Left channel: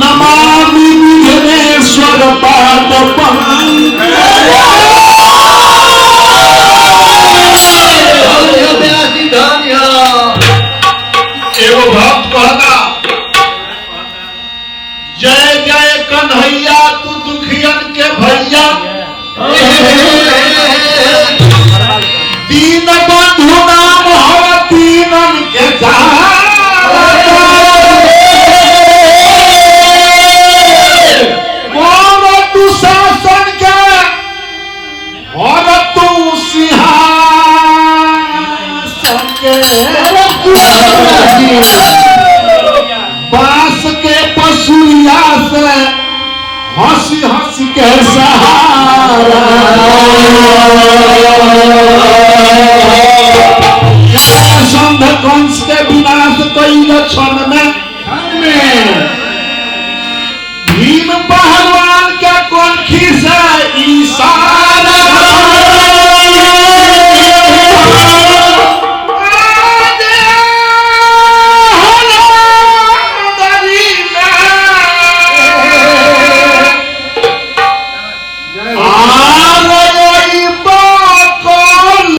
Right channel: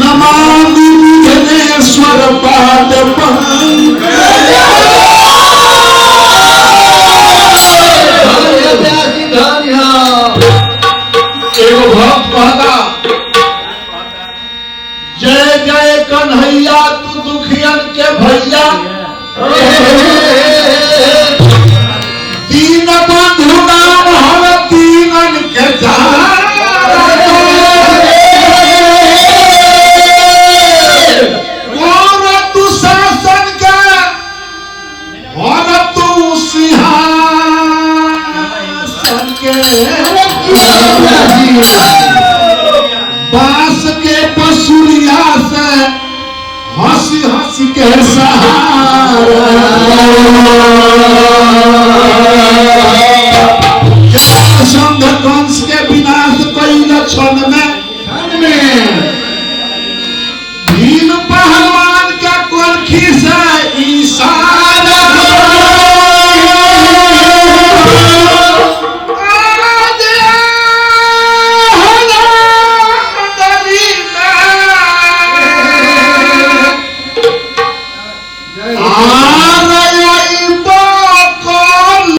नमामि विघ्नेश्वर पाद एवं भक्त कहता जय जय कन्हैया तू दुखियन के भैया दीन बंधु नाम हर दीनन के मोर तू शासन के और तू सिंहासन के बांस के पसुरिया से हंसी हंसी के सहारा